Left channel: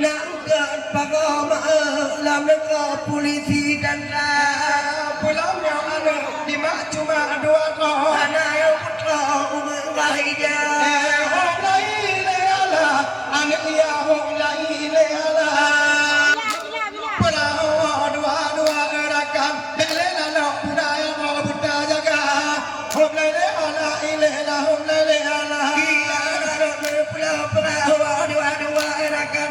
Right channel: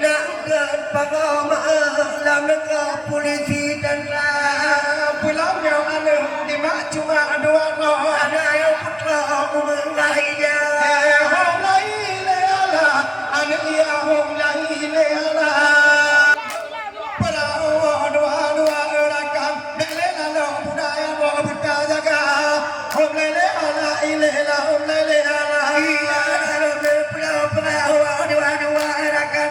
Nak pagama lamang polisi dan pulau yang ada di mana cuma dua orang anak yang putra mengenai dia hom lai le ala anak ia hom lai le ala pulau dua rakan le lalu budaya bawa buta jaga hom lai le ala ile la hom lai le ala ila ada pulau dua rakan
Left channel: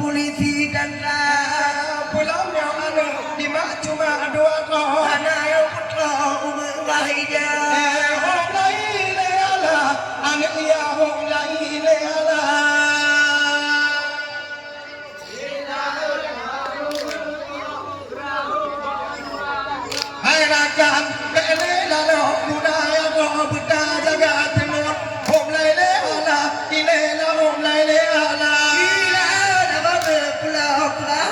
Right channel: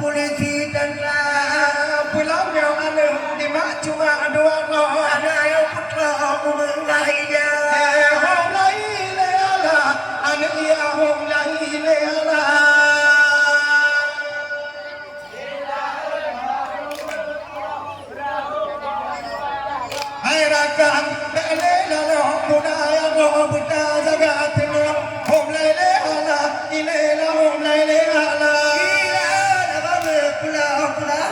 polisi dan pulau yang ada di mana cuma dua orang anak yang putra mengenai dia hom lai le ala anak ia hom lai le ala hai rakan le lalu budaya bawa buta jaga tenun hom lai le ala ile la hom lai le ala pulau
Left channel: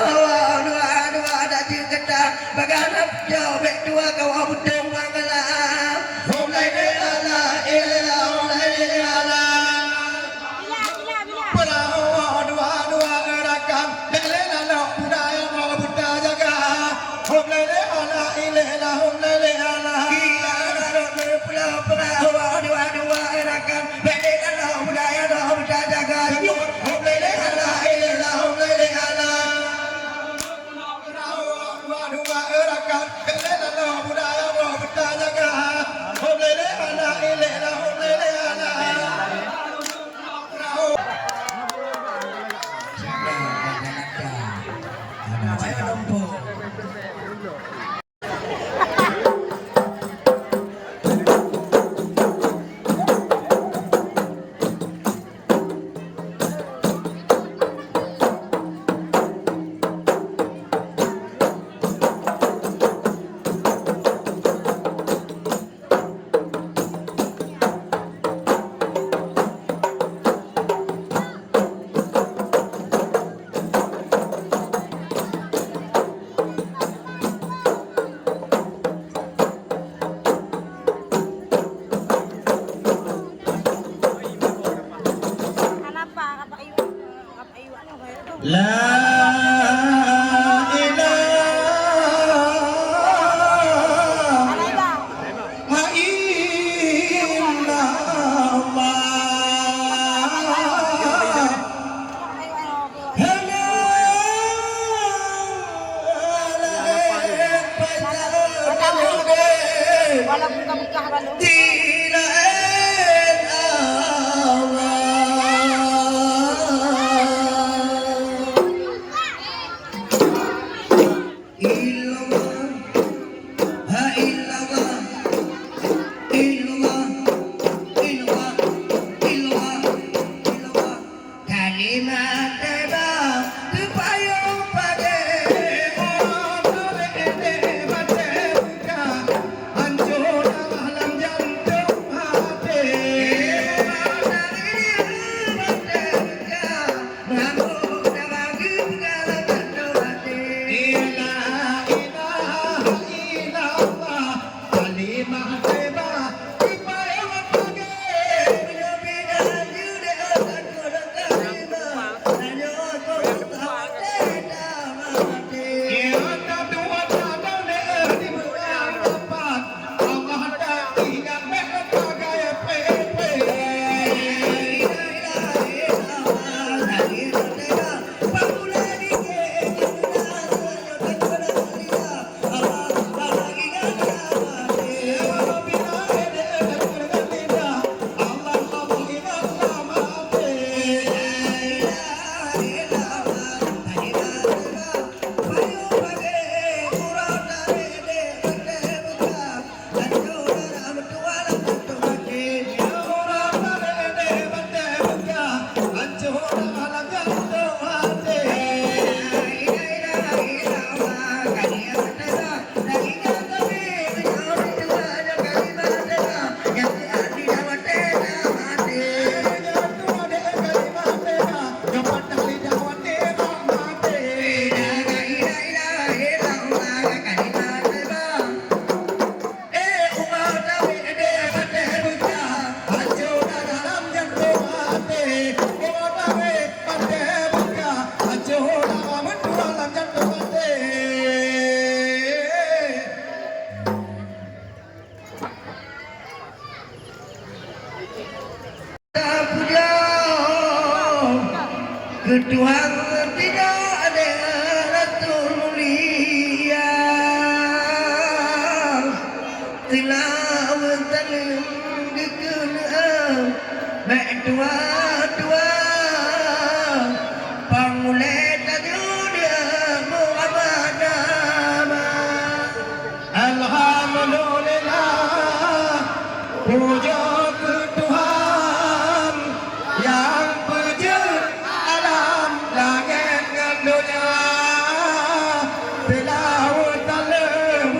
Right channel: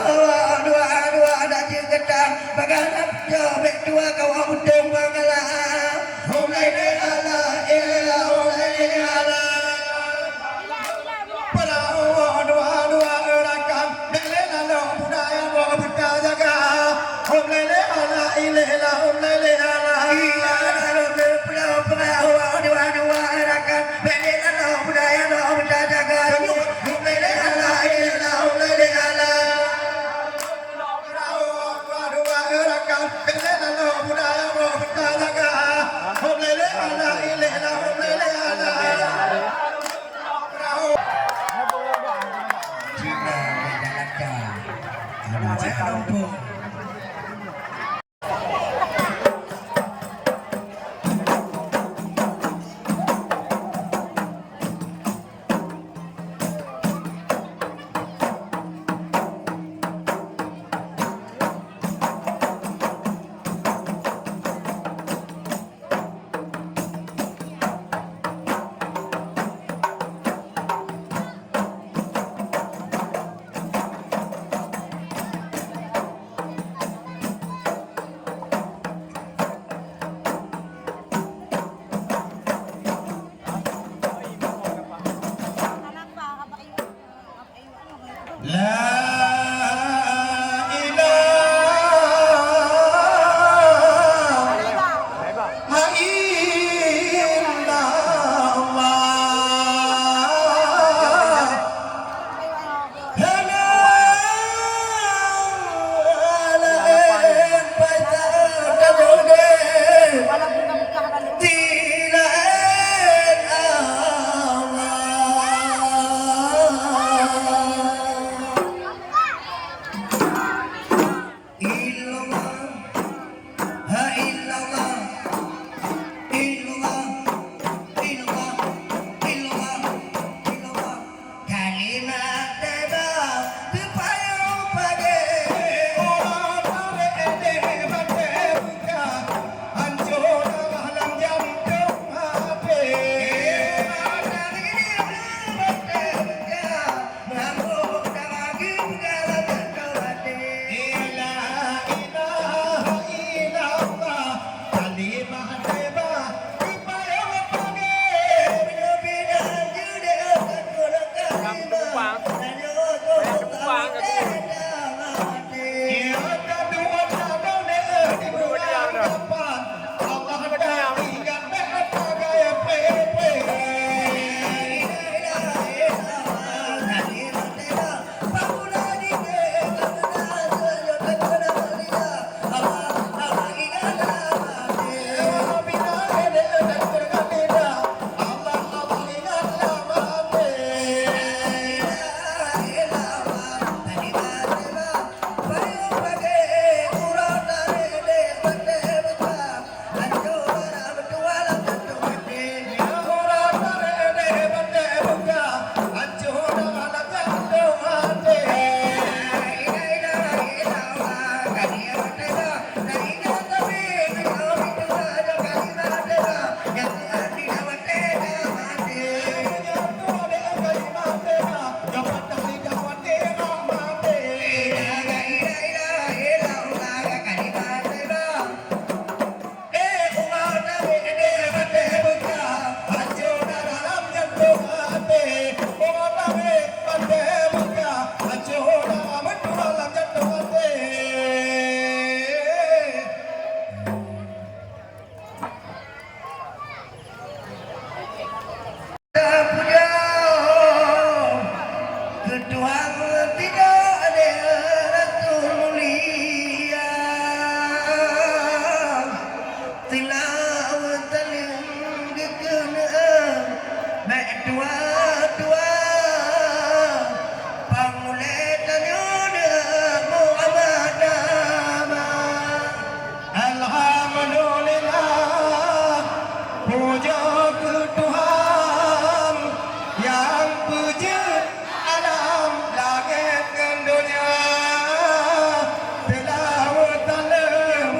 Ketuhan tidak ada Rasul mulia Tilawat dalam kekenaan Baik tua-tua Pangulet tajuda Muhammad nama Alhamdulillah Puja ke Tuhan Yang puja alam langit dan dunia Tilawat dalam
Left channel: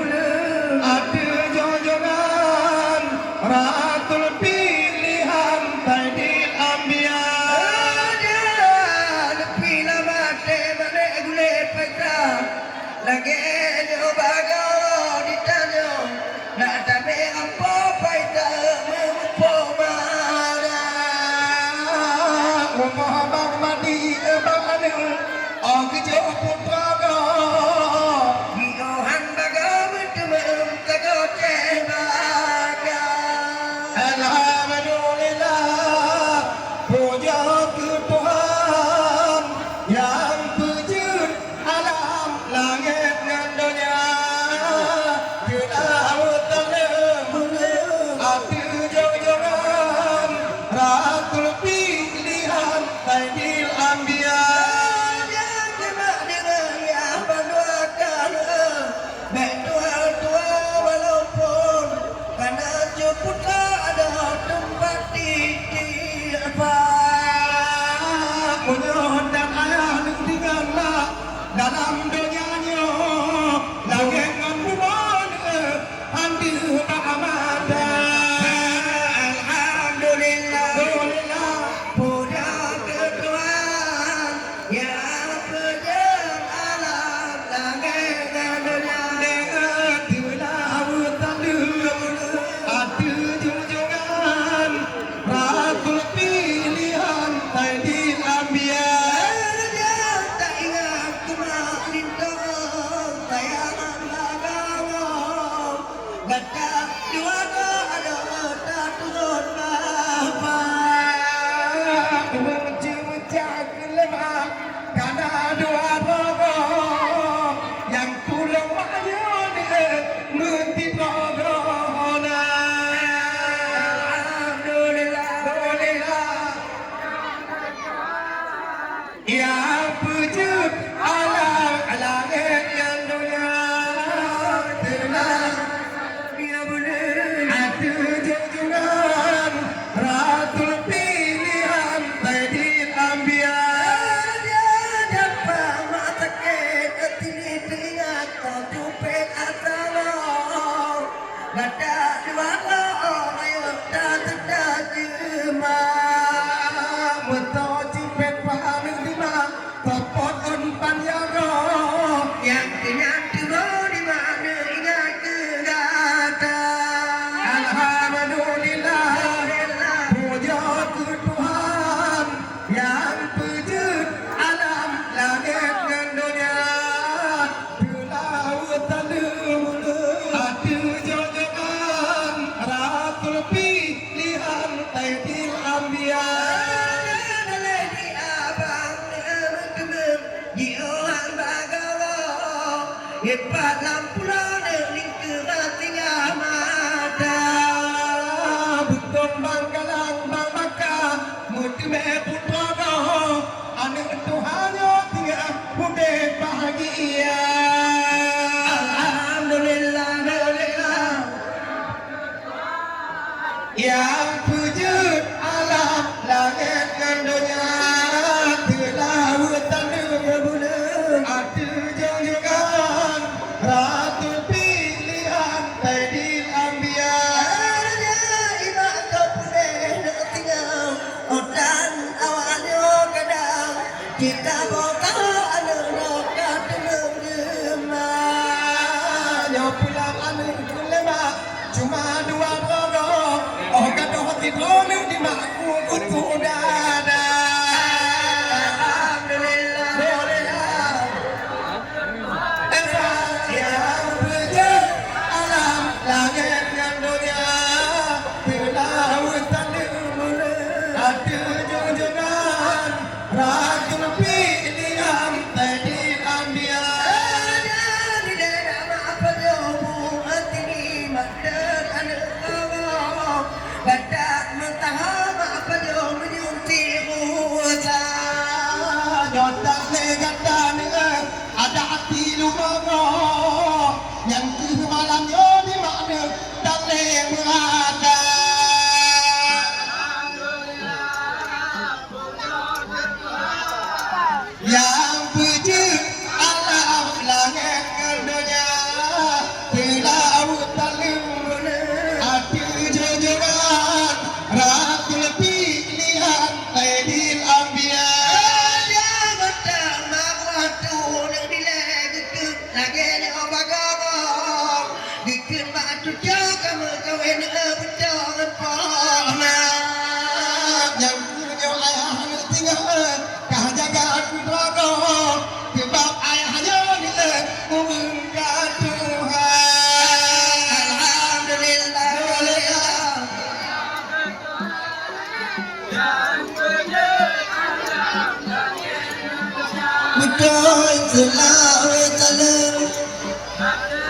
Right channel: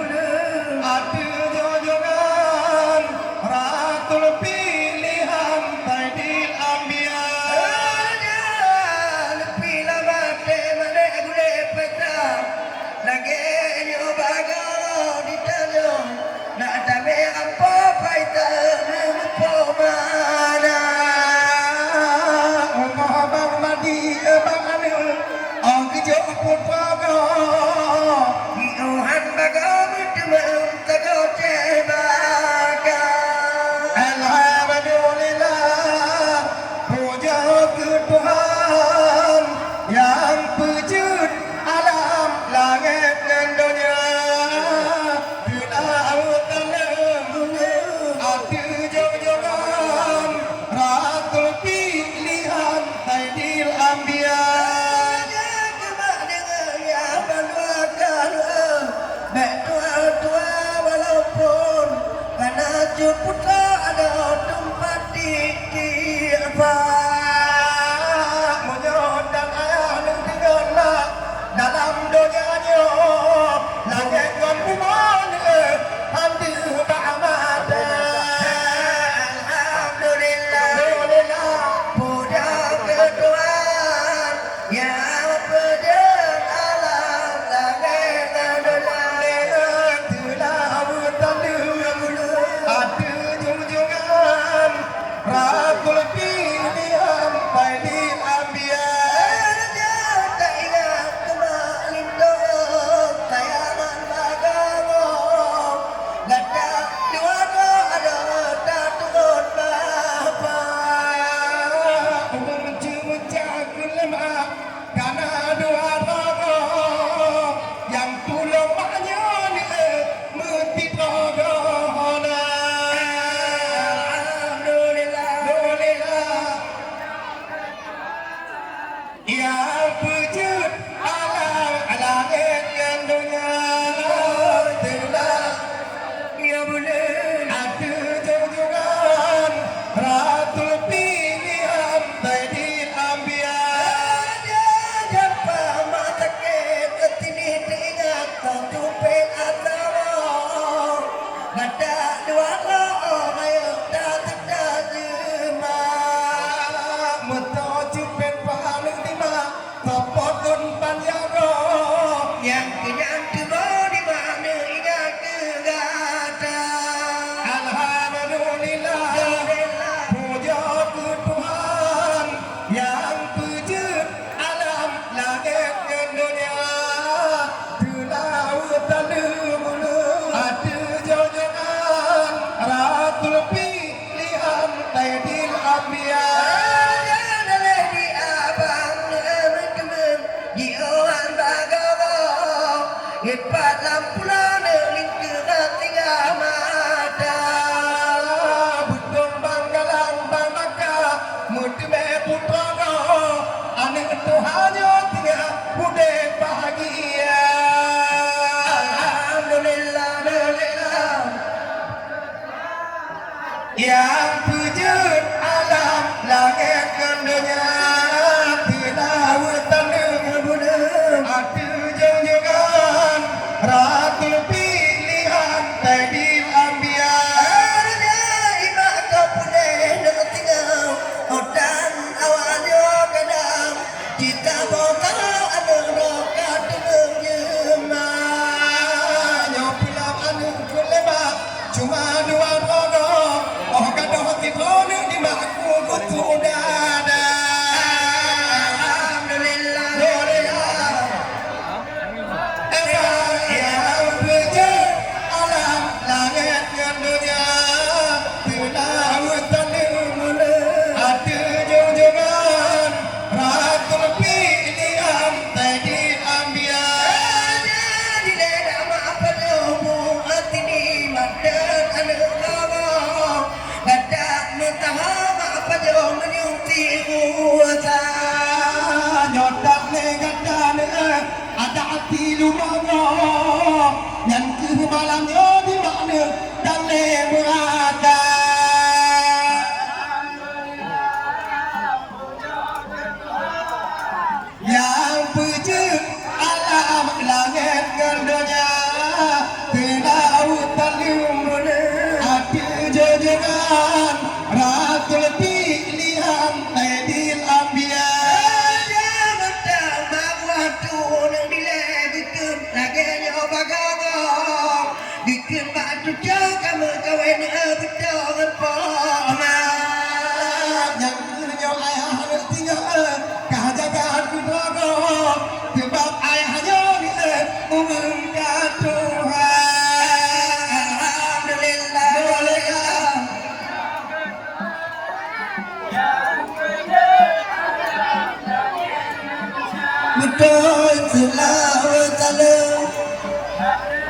ada junjungan Rasul pilihan Sayyidil Anbiya Bila mati mana boleh pecah Lagi nyobaga ditanya Nak tapi apa paita mengupo mana Umah bang mati bang anu Oh kejauh pun pada Diohan baga berteman Kejauh cebaga Alhamdulillah Puja ke Tuhan Yang wujud alam langit dan dunia Tilawat dalam hati junjungan Rasul pilihan Sayyidil Anbiya Baik tua-tua walaupun Karena putra ada tempat di apa Menyerahkan anak dengan dalam dunianya Langit dan bumi Handi ba'amada Alhamdulillah Puja ke Tuhan Yang berjen alam langit dan dunia Tilawat dalam ada junjungan Rasul pilihan Sayyidil Anbiya Tak ingat kemarin tuh Tayangan agama Gata dua-dua ada tak turun bapa Menca-menca kelemah Karena dua bapa Yang pulau maknya Menti progrona Alhamdulillah Yang wujud alam langit dan dunia Telah ia boleh ada junjungan Rasul pilihan Sayyidil Anbiya Dia dapat matakkan ketini teringat Kau tumpil asama Bata dua ayo tak terjemah Betul cipet pahala lima Kopotun panjago Yang turun di mana ingat kegata Alhamdulillah Puja ke Tuhan Yang wujud alam langit dan dunia Tilawat dalam ada junjungan Rasul pilihan Sayyidil Anbiya Ipat lampu lalu lingkaran tinggal mata Butung banggalang bang maka Muti putra kau Anak Tuhan tinggal bude bahagia Alhamdulillah Yang wujud alam langit dan dunia Tilawat dalam ada junjungan Rasul pilihan Sayyidil Anbiya Ibak kau boleh nak tinggal Hutan awalnya kadang Kita bawa anak rokat dengan jemaah Nyawa pulang anak kulemak Cuma dua orang Oh kata hati kau ni di makku kutu dada Alhamdulillah Yang wujud alam langit dan dunia Tilawat dalam ada junjungan Rasul pilihan Sayyidil Anbiya di dalam apa lu hati di mata anak Allah kata mentah apa jauh menyuti kuasa jodoh negara ada hati lu yang kebalannya di mana dan berada yang puji alam langit dan dunia ke laut paling hati jojokan ratul pilihan Sayyidil Anbiya jangan tak waktu nak dilakukan lagi ni obagong bikin batu jauh kamu kawin betul pona yang kerja ayah nak tinggal kah jaga aku drago sebab ayahnya ni mengangkat Tuhan alhamdulillah betul selawat salam